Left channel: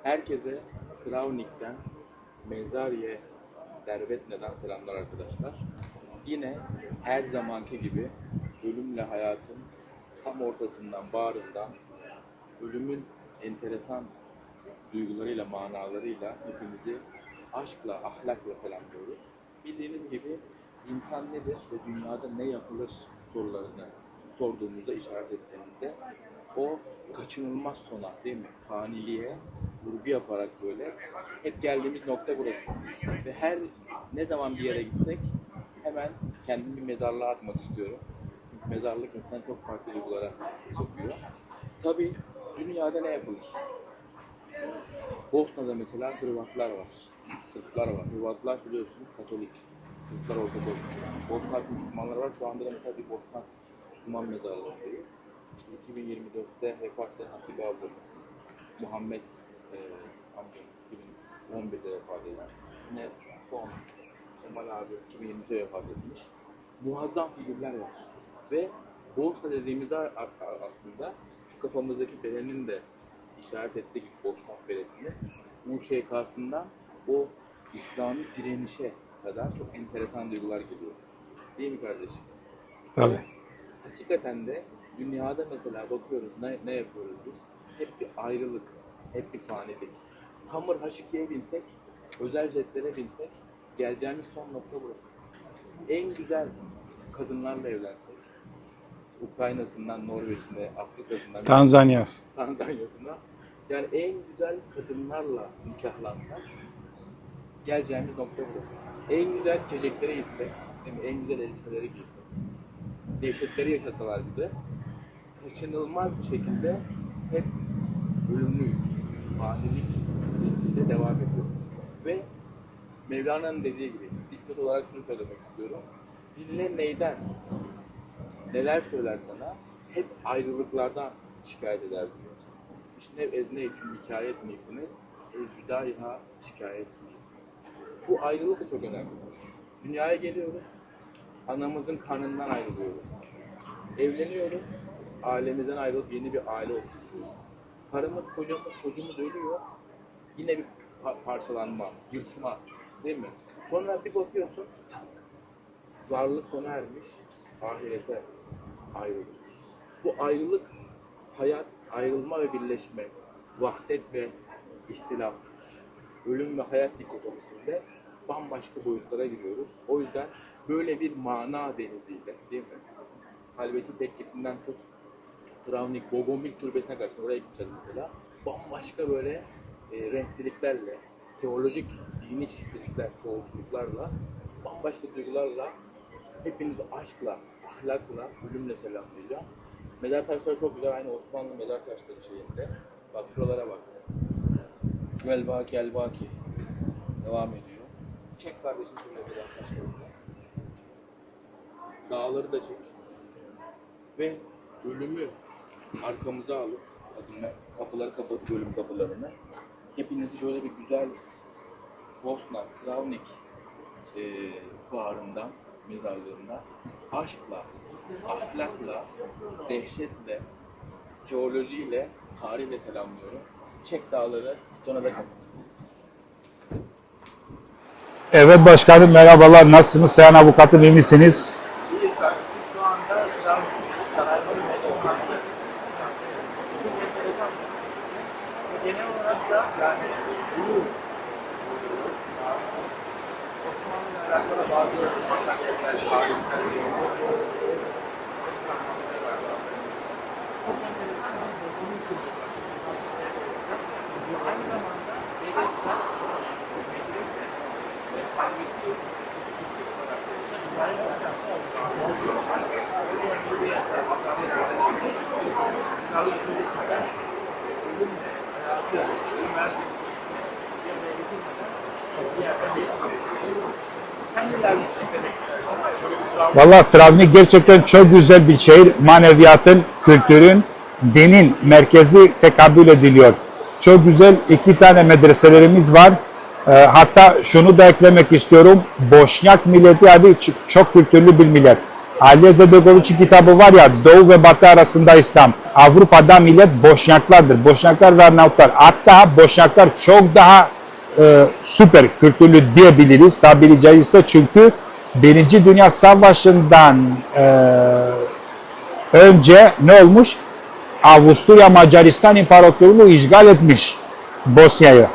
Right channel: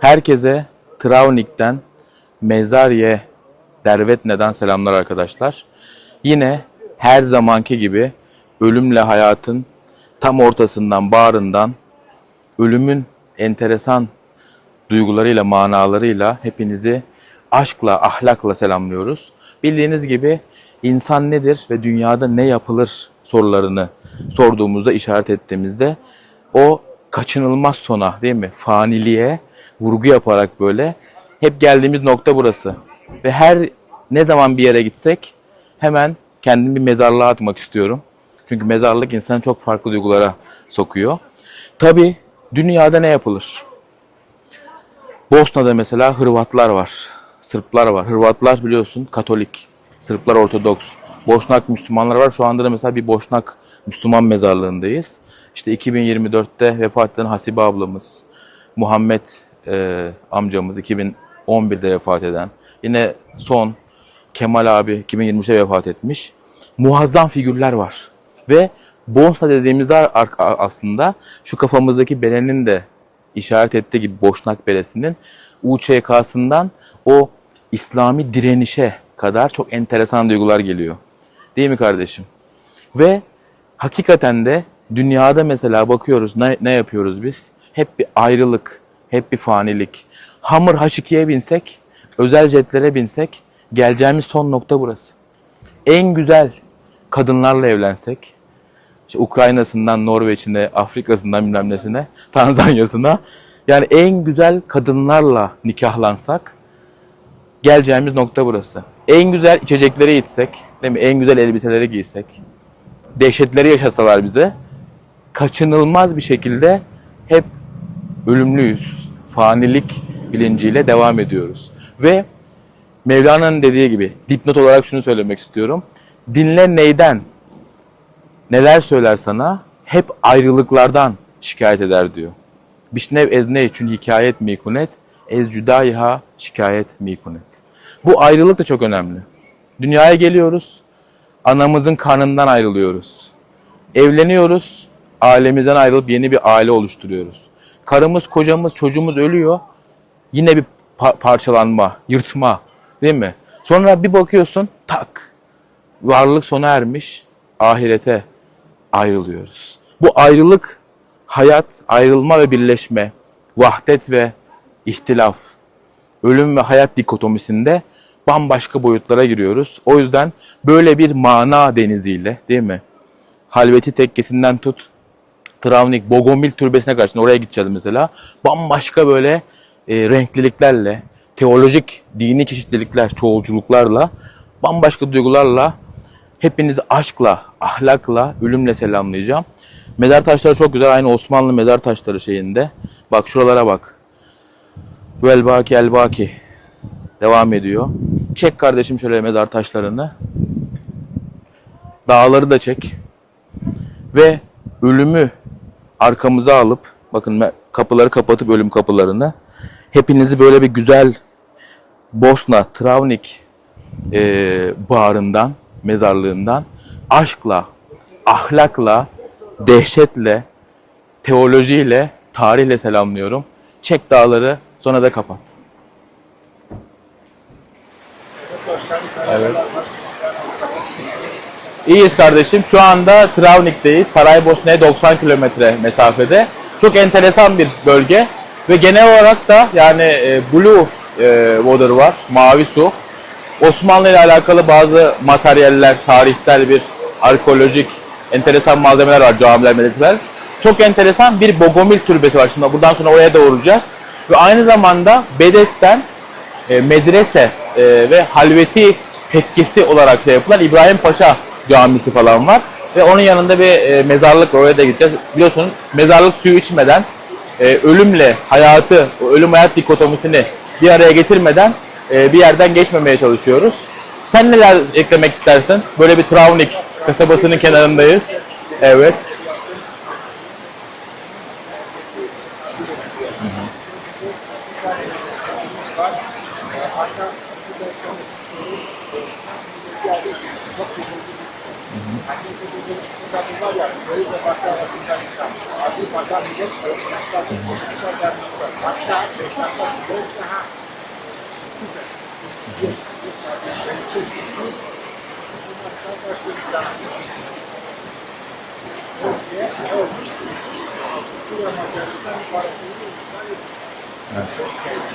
Herkese Travnik'ten Mezariye Dervetne'den selamlar arkadaşlar. Yine her zamanki gibi ölümle hayatın tam ortasından, bağrından ölümün enteresan duygularıyla, manalarıyla hepinizi aşkla, ahlakla selamlıyoruz. Bildiğiniz gibi insan nedir ve dünyada ne yapılır sorularını sorduğumuzda, işaret ettiğimizde o kaçınılmaz sona değil mi? Faniliğe vurgu yaparak böyle hep geldiğimiz nokta burası. Ve her ne zaman bir yere gitsek hemen kendimi bir mezarlığa atmak istiyorum. Çünkü mezarlık insanı çok farklı duygulara sokuyor. Tabi dünyada ne yapılır? Bosna'da mesela Hırvatlar var, Sırplar var. Hırvatlar biliyorsun Katolik, Sırplar Ortodoks. Boşnak Müslümanlar var. Şu anda da mesela bir Boşnak Müslüman mezarlığındayız. İşte 2024'te vefat eden Hasibe ablamız, Muhammed e, amcamız 2011'de vefat eden. Yine son Kemal abi 2023'te vefat etmiş. Muazzam figürler var. Ve Bosna dediğimizde ar- aslında şu kafamızdaki berenin de işaret ettiği gibi Boşnak Beresi'nin UÇK'sından o İslami direnişe kadar çok enteresan duygular geliyor. Değil mi kardeşim? Ve hakikaten de dünyada mesela bakıyoruz ne, ne yapıyoruz biz? Hep bir ayrılık, hep bir fanilik. Hamur H2'ye binsek, özel jetlere binsek geleceğimiz son nokta burası. En güzel kadınlarla evlensek, işte Ukrayna'sından Norveç'ine, Afrika'sından Tanzanya. Tanzanya'sına yani en güzel kadınlarla nikahlansak geleceğimiz nokta burası. En güzel içecekleri içsek, değil mi? En güzel elbiseleri giysek, dehşetleri yaşasalar bize kaçınılmaz bir şekilde hep ölümlüyüz. Fanilik bilinciyle devam ediyoruz. Ve Mevlana'nın dediği gibi dipnot olarak şunu söylemek istiyorum. Dinle neyden? Neler söyler sana? Hep ayrılıklardan şikayet eder diyor. Bişnev ez ne için hikayet mikunet, ez cüdayiha şikayet mikunet. Bu ayrılık da çok önemli. Dünyaya geliyoruz, anamızın karnından ayrılıyoruz. Evleniyoruz, ailemizden ayrılıp yeni bir aile oluşturuyoruz. Karımız, kocamız, çocuğumuz ölüyor. Yine bir pa- parçalanma, yırtma değil mi? Sonra bir bakıyorsun tak varlık sona ermiş, ahirete ayrılıyoruz. Bu ayrılık hayat, ayrılma ve birleşme, vahdet ve ihtilaf, ölüm ve hayat dikotomisinde bambaşka boyutlara giriyoruz. O yüzden böyle bir mana deniziyle değil mi? Halveti tekkesinden tut, Travnik, Bogomil türbesine karşısında oraya gideceğiz mesela. Bambaşka böyle e, renkliliklerle, teolojik, dini çeşitlilikler, çoğulculuklarla, bambaşka duygularla hepinizi aşkla, ahlakla, ölümle selamlayacağım. Mezar taşları çok güzel. Aynı Osmanlı mezar taşları şeyinde. Bak şuralara bak. Vel baki el baki. Devam ediyor. Çek kardeşim şöyle mezar taşlarını. Dağları da çek. Ve ölümü arkamıza alıp bakın kapıları kapatıp ölüm kapılarını hepinizi böyle bir güzel Bosna, Travnik e, bağrından, mezarlığından aşkla, ahlakla, dehşetle, teolojiyle, tarihle selamlıyorum. Çek dağları sonra da kapat. Evet başkanım merhabalar. Nasılsınız? Sayın avukatım iyi misiniz? İyiyiz kardeşim. Şu anda Travnik'teyiz. Saraybosna'ya 90 kilometre mesafede. Çok enteresan bir bölge. Ve genel olarak da yani e, Blue e, Water var, mavi su. Osmanlı ile alakalı bazı materyaller, tarihsel bir arkeolojik enteresan malzemeler var, camiler, medreseler. Çok enteresan bir Bogomil türbesi var. Şimdi buradan sonra oraya da uğrayacağız. Ve aynı zamanda Bedes'ten e, medrese e, ve halveti tekkesi olarak şey yapılan İbrahim Paşa camisi falan var. Ve onun yanında bir e, mezarlık var, oraya da gideceğiz. Biliyorsunuz mezarlık suyu içmeden e, ölümle hayatı, ölüm hayat dikotomisini bir araya getirmeden e, bir yerden geçmemeye çalışıyoruz. Sen neler eklemek istersin? Böyle bir Travnik Valla kasabasının gerçekten çok güzel bir şey. Evet. Maneviyatın, kültürün, dinin merkezi tekabül ediliyor. Çok güzel iki tane medreselerimiz var. Ee, hatta şunu da eklemek istiyorum. Boşnak milleti adı çok kültürlü bir millet. Ali Zedegoviç'in kitabı var ya Doğu ve Batı arasında İslam. Avrupa'da millet Boşnaklardır. Boşnaklar ve Arnavutlar. Hatta Boşnaklar çok daha e, süper kültürlü diyebiliriz tabiri caizse çünkü Birinci Dünya Savaşı'ndan e, önce ne olmuş? Avusturya Macaristan İmparatorluğu işgal etmiş Bosna'yı.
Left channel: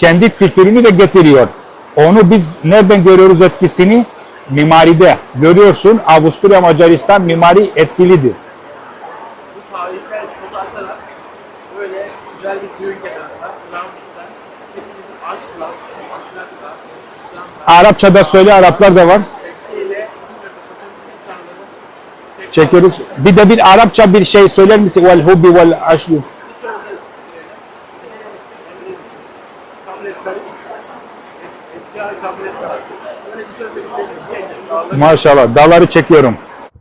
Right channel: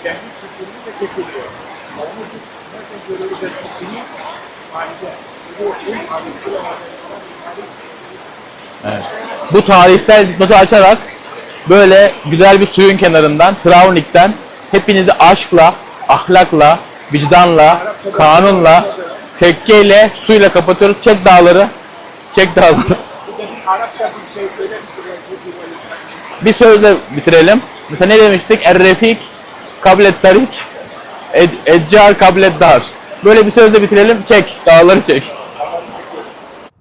Kendi kültürünü de getiriyor. Onu biz nereden görüyoruz etkisini? Mimaride. Görüyorsun Avusturya Macaristan mimari etkilidir. Bu tarihsel notu açarak böyle güzel bir suyun kenarından, Travnik'ten hepinizi aşkla, ahlakla, vicdanla, Arapçada söyle kanunla, Araplar da var. tekkeyle, suyla kapatıyoruz. Çek dağları. Çek dağları. Çekiyoruz. Bir de bir Arapça bir şey söyler misin? Vel hubbi vel aşli. Bir sözle bitirelim. Mesela ne demiştik? Er-refik, kablet tarik, ed- eccar kablet dar. Böyle bir sözle bitirelim. Çek. Dağları çek. Maşallah. Dağları çekiyorum.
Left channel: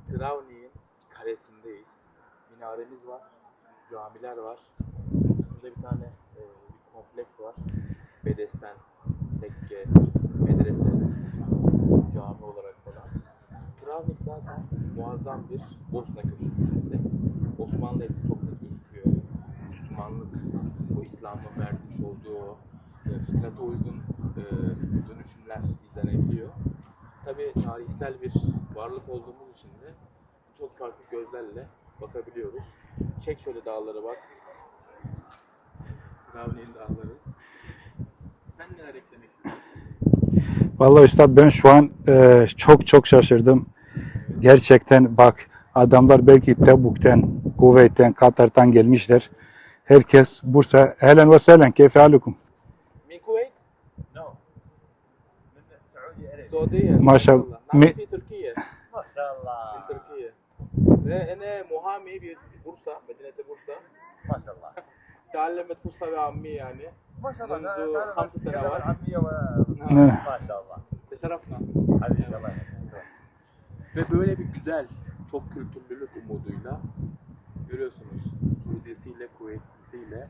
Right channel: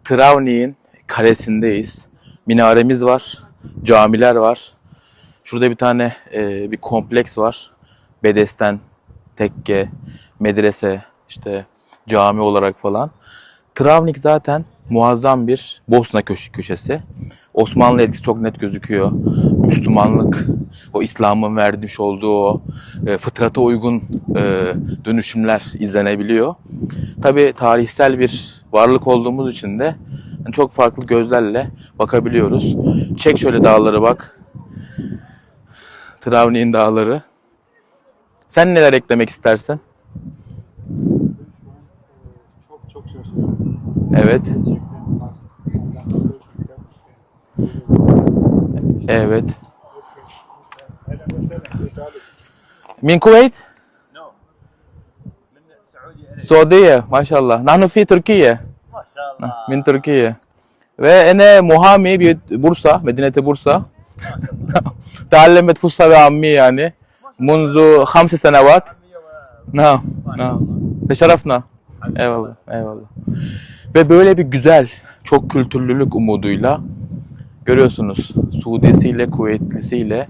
Travnik'in kalesindeyiz. Minaremiz var. Camiler var. Şurada bir tane e, bir kompleks var. Bedesten, tekke, medrese, işte cami olarak falan. Travnik zaten muazzam bir Bosna köşe köşesi. Osmanlı etkisi çok net gözüküyor. Müslümanlık, o İslam'ın vermiş olduğu o e, fıtrata uygun e, dönüşümler izlenebiliyor. Tabii tarihsel bir varlık olduğumuz için de çok farklı gözlerle bakabiliyoruz. Çek şöyle dağları bak. Travnik'in dağları. Sen neler eklemek istersin? Vallahi üstad ben şu an e, çok çok şaşırdım. Evet. Gerçekten bak adamlar belki Tebuk'ten, Kuveyt'ten, Katar'dan gelmişler. Evet Herkes Bursa. Helen ve sehlen. Keyfe halukum? Min Kuveyt? Suudiye Maşallah. maşallah. Nahnu Mi- fi Türkiye. Min Türkiye. Ve ene muhami bir Bursa, Medinete Bursa. تعلمت فصحى وعامية يعني منذ خمس سنوات نعم نعم تشرفنا eyvallah eyvallah ve böyle bir güzel çok kültürlülük umuduyla görüyorsunuz Suudisiyle Kuveytlisiyle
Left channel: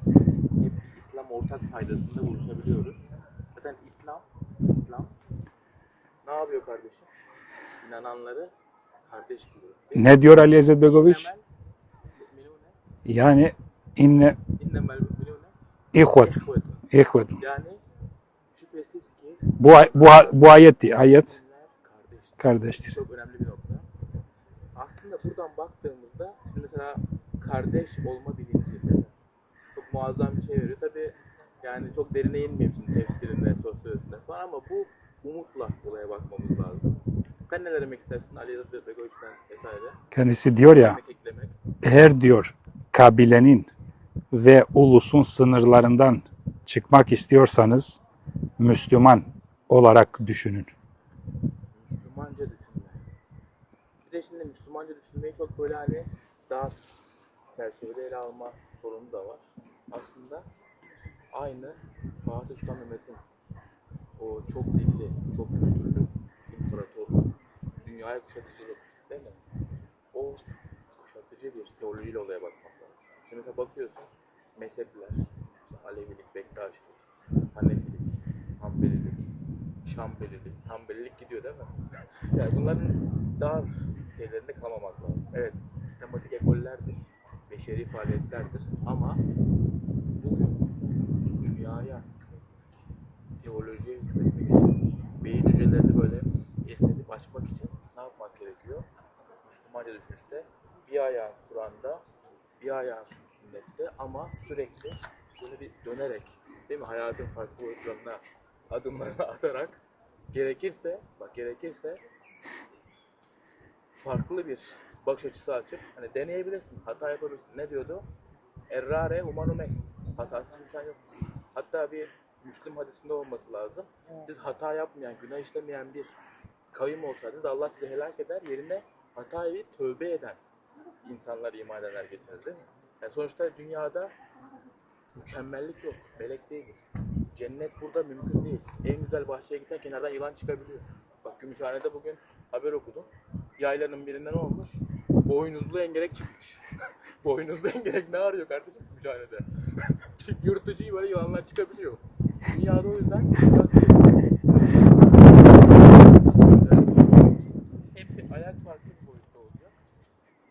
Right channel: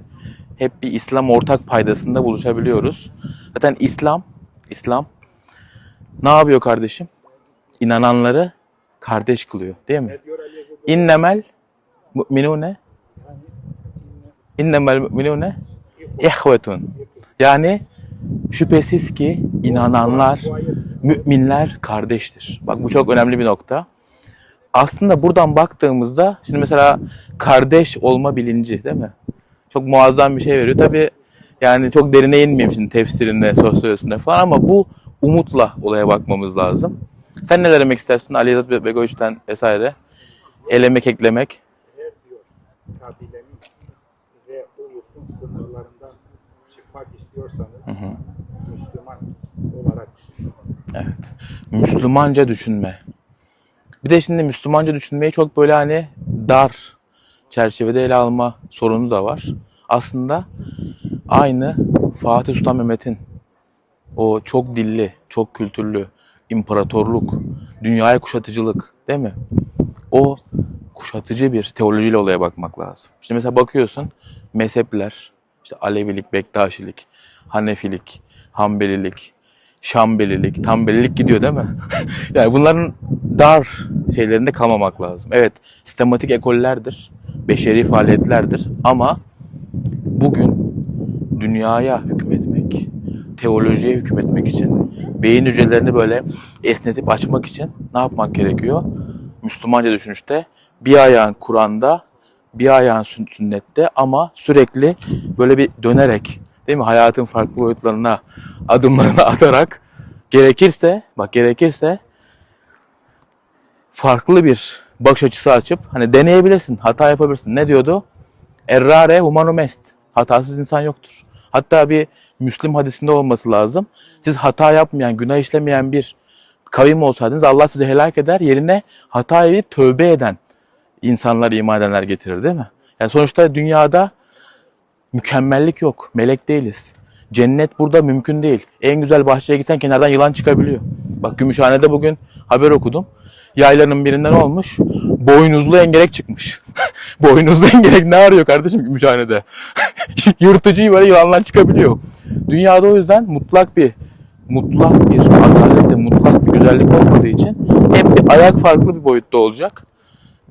hep bir İslam ortak paydasında buluşabiliyoruz. Zaten İslam İslam ne yapıyor kardeşim? İnananları kardeş kılıyor değil mi? Ne diyor Ali Ezzet Begoviç? İnnemel mu'minune Yani inne innemel mu'minune ihvet. ihvetun. ihvet. Yani şüphesiz ki Bu, bu, inananlar, ay- bu ayetti. Ayet. müminler kardeştir. Kardeştir. Bak bu çok önemli bir nokta. Aslında buradan baktığımızda şimdi mesela kardeş olma bilinci değil mi? Çok muazzam bir şey veriyor. Tabi yani çok derine inmeyeyim şimdi tefsirinde, sosyolojisinde falan ama bu umutla olaya bakmamız lazım. Sen neler demek istersin Ali Yazat Begoviç'ten vesaire? Kendisi diyor ya, Elemek, eklemek. eğer diyor kabilenin ve ulusun sınırlarından çıkmak istiyorsanız Müslüman olarak düşünün. Evet. Müslümanca düşünme. Bir de şimdi Müslümanca düşünmeyi çok böyle hani dar çerçevede ele alma sorunu da var. Aslında aynı Fatih Sultan Mehmet'in o çok dilli, çok kültürlü imparatorluk, dünyaya kuşatıcılık değil mi? O kuşatıcı bir teolojiyle olaya bakmak lazım. Şimdi mesela bakıyorsun mezhepler, işte Alevilik, Bektaşilik, Hanefilik, Hanbelilik, Şambelilik, Tambelilik gidiyor değil mi? yani bunların dar şeylerinde kalmamak lazım. Evet, sistematik ekollerdir, beşeri faaliyetlerdir ama bugün dünyaya hükmetmek, teolojiye hükmetmek için, beyin hücrelerini böyle esnetip açmak için ne yapmak gerekiyor? Müslümanca düşünüşte bir ayağın Kur'an'da, bir ayağın sün- sünnette ama sürekli böyle bir dönerek değil mi? Hayatın farklı boyutlarına adımlarını atarak gerekirse, bak gerekirse farklı bir bakış açısı açıp hani deneyebilirsin, hata yapabilirsin. Ne diyordu? Errare humanum est. Hatasız insan yoktur. Hatta bir Müslim hadisinde olması lazım. Siz hata yapmayan, günah işlemeyen bir kavim olsaydınız Allah sizi helak eder. Yerine hata edip tövbe eden insanlar, iman edenler getirir değil mi? Yani sonuçta dünyada mükemmellik yok. Melek değiliz. Cennet burada mümkün değil. En güzel bahçeye gitsen kenardan yılan çıkabiliyor. Bak Gümüşhane'de bugün haber okudum. Yaylanın birinden olmuş. Boynuzlu engerek çıkmış. Boynuzlu engerek ne arıyor kardeşim Gümüşhane'de? Yırtıcı böyle yılanlar çıkabiliyor. Dünyada o yüzden mutlak bir mutlak bir adalet, mutlak bir güzel özellik olmadığı için hep bir ayak farklı bir boyutta olacak.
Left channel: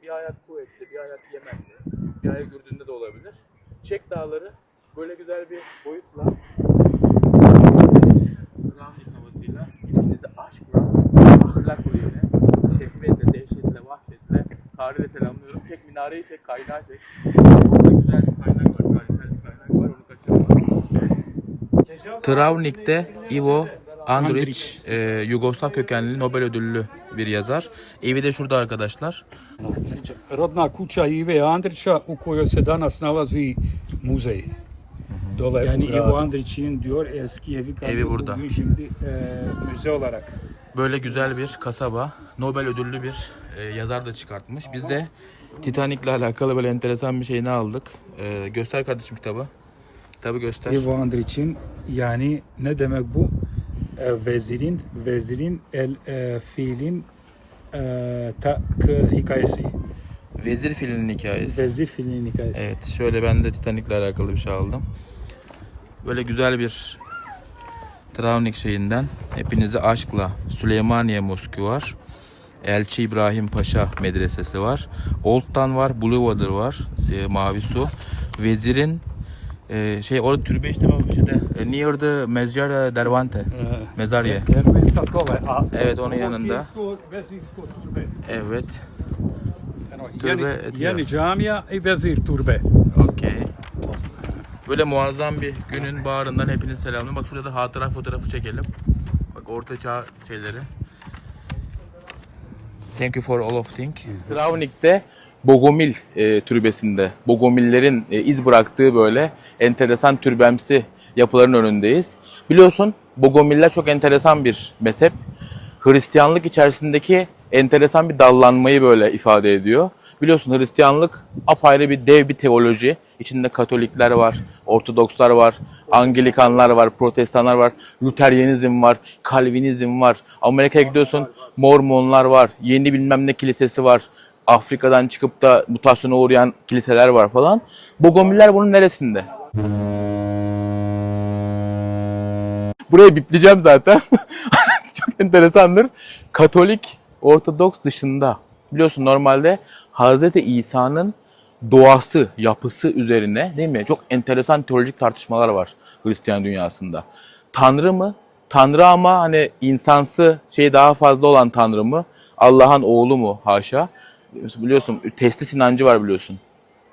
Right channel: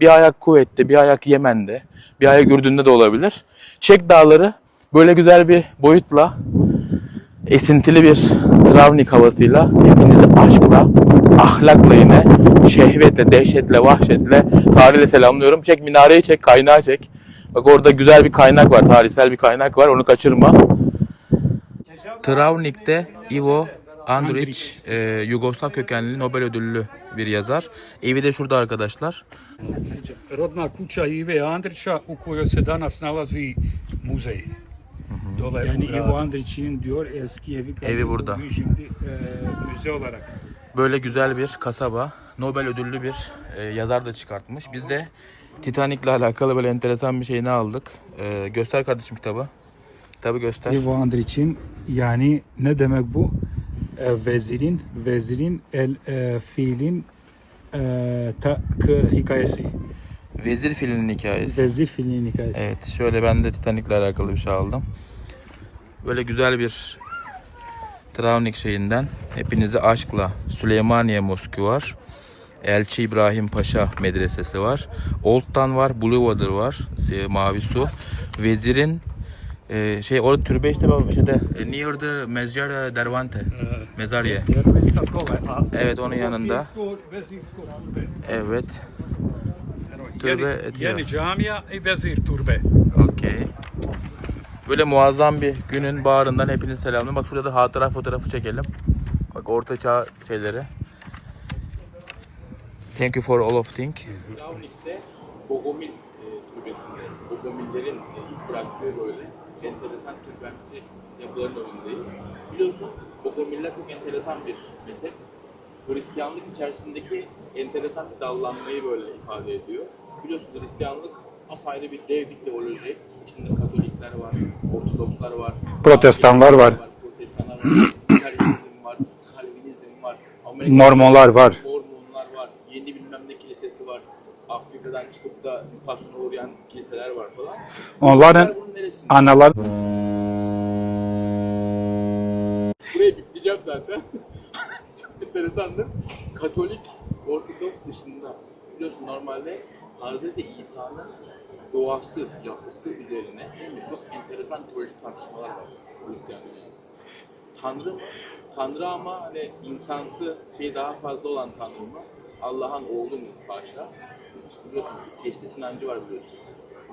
Bir ayak Kuveyt'te, bir ayak Yemen'de, bir ayak Ürdün'de de olabilir. Çek Dağları böyle güzel bir boyutla esintili bir Travnik havasıyla hepinizi aşkla, ahlakla yine şehvetle, dehşetle, vahşetle tarihle selamlıyorum. Çek minareyi çek, kaynağı çek. Bak orada güzel bir kaynak var, tarihsel bir kaynak var. Onu kaçırma. Travnik'te Ivo Andrić, e, Yugoslav kökenli Nobel ödüllü bir yazar. Evi de şurada arkadaşlar. Rodna kuća Ive Andrića u kojoj se danas nalazi muzej. Dole Yani. Ivo Andrić'in diyor eski evi kaldı. Evi burada. Bugün şimdi e, müze olarak. Böyle güzel bir kasaba. Nobel ödüllü bir e, yazar da çıkartmış. Biz de Titanic'le alakalı böyle enteresan bir şeyini aldık. E, göster kardeşim kitabı. Kitabı göster. Ivo Andrić'in yani ne demek bu? E, vezirin, vezirin el e, fiilin e, ta, k- hikayesi. Vezir filinin hikayesi. Vezir fiilinin hikayesi. Evet şöyle ben de Titanic'le alakalı bir şey aldım. Böyle güzel bir Travnik şeyinden hepinizi aşkla Süleymaniye Moskü var. Elçi İbrahim Paşa Medresesi var. Old Town var, Blue var, e, Mavi Su. Vezirin e, şey orada türbe işte bak şeyde e, near the Mezar Dervante. Mezarye. Evet onun yanında. Evet. Eno, Turbe Jeni, etiyor. Jeni džamija i vezir turbe. Okey. Böyle muazzam bir günün bağrından hepiniz selamlıyorum. Bak şurada da hatıra fotoğrafı çekelim. Bak orta çağ şeyleri. Thank you for all of thing. Travnik'te Bogomil e, türbesinde, Bogomillerin e, iz bıraktığı böyle enteresan türbemsi yapıların önündeyiz. Biliyorsun Bogomiller çok enteresan bir mezhep. Hristiyanlık içerisindeki enteresan bir dallanmayı böyle ifade ediyor. Biliyorsun Hristiyanlık apayrı bir dev bir teoloji. İçinde Katolikler var, Ortodokslar var, Protestanlar var. var, Protestanlar var, Lüteryenizm var, Kalvinizm var, Amerika'ya Mormonlar var. Mormonlar var, yeni bilmem ne kilisesi var. Afrika'dan çıkıp da mutasyona uğrayan kiliseler var falan. Bu Gomiller bunun neresinde? Analar Burayı bipleyeceğim zaten. Çok enteresandır. Katolik, Ortodoks dışında biliyorsun normalde Hz. İsa'nın doğası, yapısı üzerine değil mi? Çok enteresan teolojik tartışmalar var Hristiyan dünyasında. Tanrı mı? Tanrı ama hani insansı şey daha fazla olan Tanrı mı? Allah'ın oğlu mu? Haşa. Biliyorsun testis inancı var biliyorsun.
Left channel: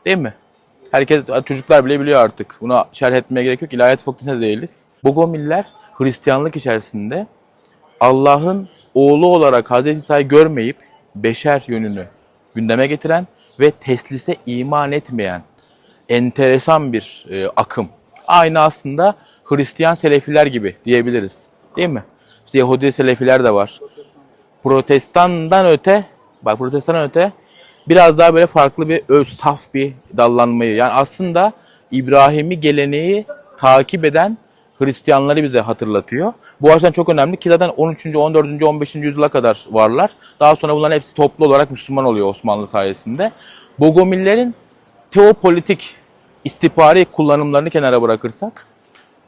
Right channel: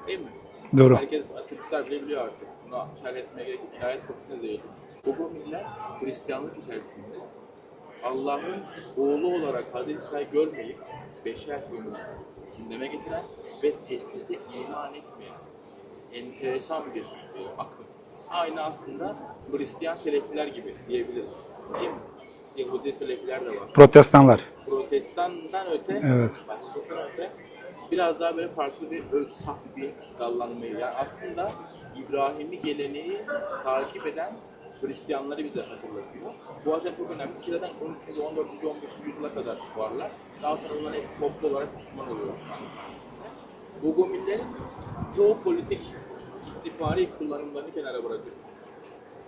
Değil mi? Doğru. Herkes, çocuklar bile biliyor artık. Buna şerh etmeye gerek yok. İlahiyat fakültesinde değiliz. Bogomiller Hristiyanlık içerisinde Allah'ın oğlu olarak Hz. İsa'yı görmeyip beşer yönünü gündeme getiren ve teslise iman etmeyen enteresan bir e, akım. Aynı aslında Hristiyan Selefiler gibi diyebiliriz. Değil mi? İşte Yahudi Selefiler de var. protestanlar. Protestandan öte, Evet. bak protestandan öte biraz daha böyle farklı bir öz, saf bir dallanmayı. Yani aslında İbrahimi geleneği takip eden Hristiyanları bize hatırlatıyor. Bu açıdan çok önemli ki zaten 13. 14. 15. yüzyıla kadar varlar. Daha sonra bunların hepsi toplu olarak Müslüman oluyor Osmanlı sayesinde. Bogomillerin teopolitik istihbari kullanımlarını kenara bırakırsak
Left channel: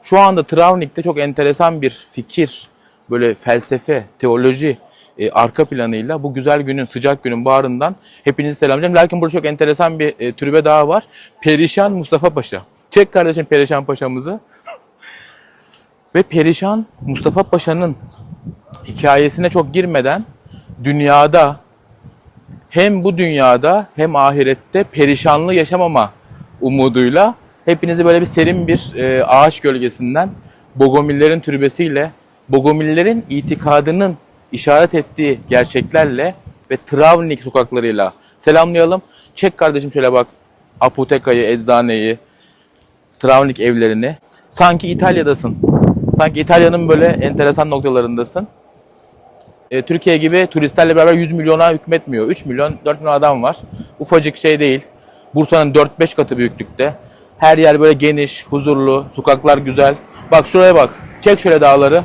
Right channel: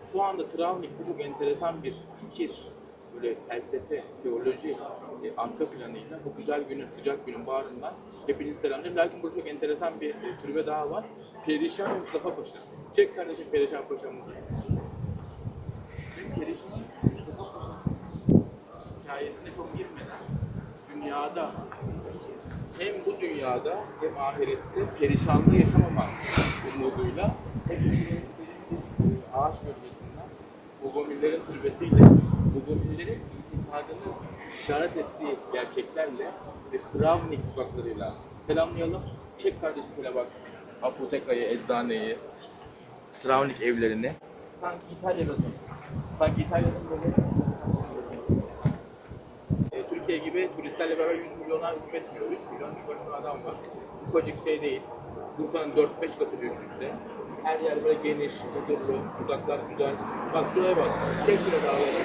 şu anda Travnik'te çok enteresan bir fikir, böyle felsefe, teoloji e, arka planıyla bu güzel günün, sıcak günün bağrından hepinizi selamlayacağım. Lakin burada çok enteresan bir e, türbe daha var. Perişan Mustafa Paşa. Çek kardeşim Perişan Paşa'mızı. Ve Perişan Mustafa Paşa'nın hikayesine çok girmeden dünyada hem bu dünyada hem ahirette perişanlığı yaşamama umuduyla hepinizi böyle bir serin bir e, ağaç gölgesinden Bogomillerin türbesiyle, Bogomillerin itikadının işaret ettiği gerçeklerle ve Travnik sokaklarıyla selamlayalım. Çek kardeşim şöyle bak apotekayı, eczaneyi, Travnik evlerini. Sanki İtalya'dasın. Sanki İtalya'nın böyle enteresan noktalarındasın. E, Türkiye gibi turistlerle beraber 100 milyona hükmetmiyor. 3 milyon, 4 milyon adam var. Ufacık şey değil. Bursa'nın 4-5 katı büyüklükte. Her yer böyle geniş, huzurlu, sokaklar güzel. Bak şuraya bak. Çek şöyle dağları.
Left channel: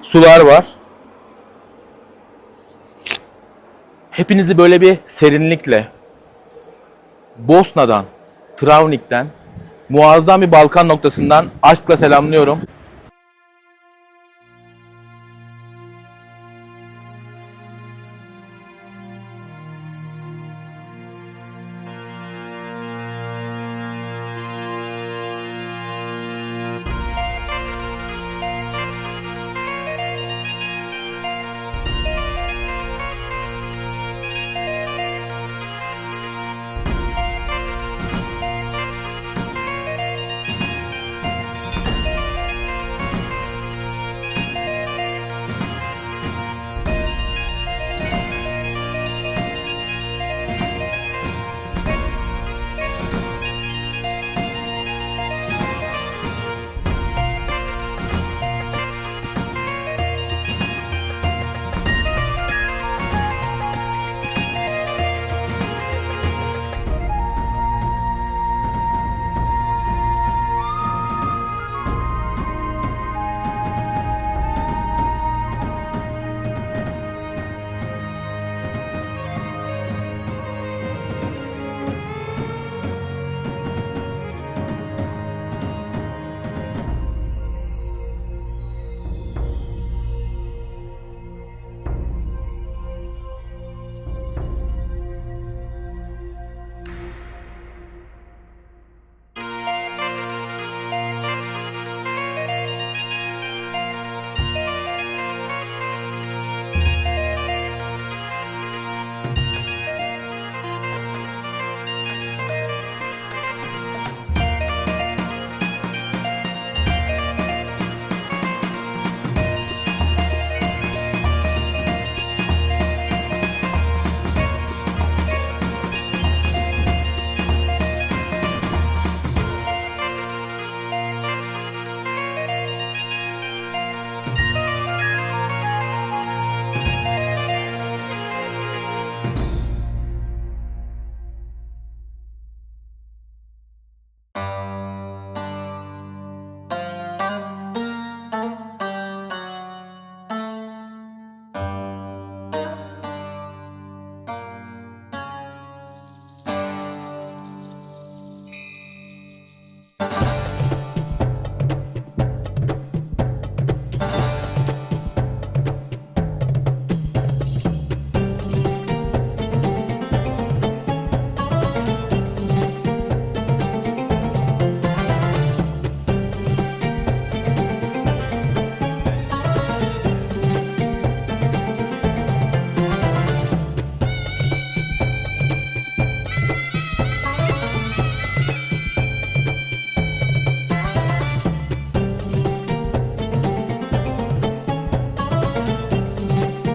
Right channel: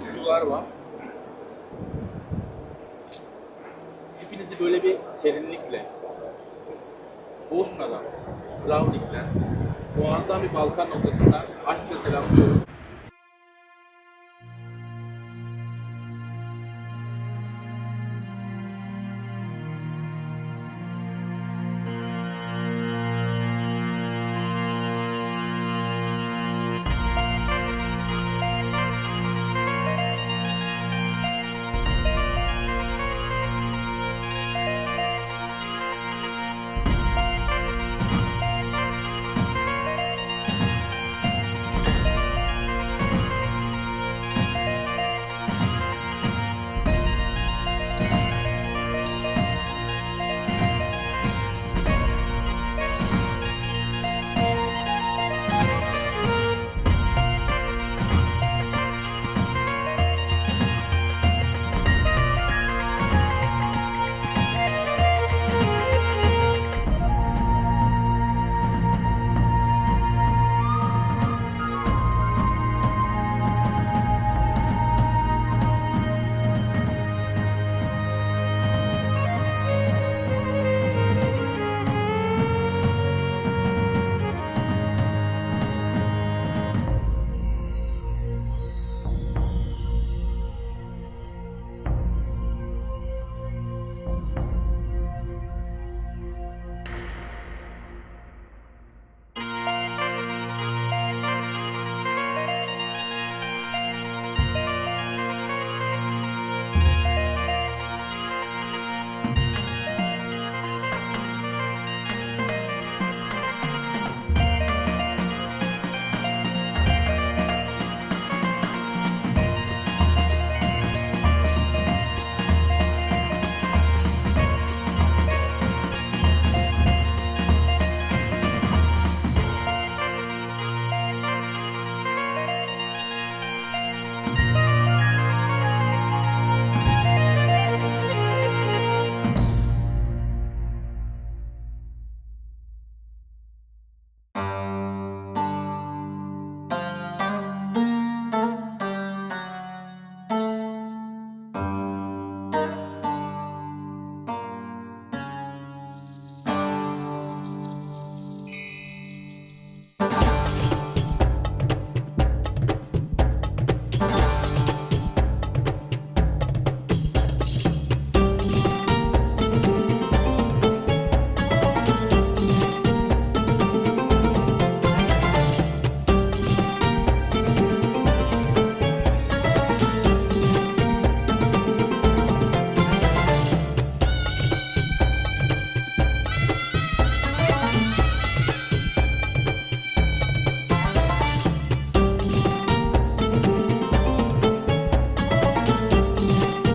Sular var. Hepinizi böyle bir serinlikle Bosna'dan, Travnik'ten, muazzam bir Balkan noktasından aşkla selamlıyorum.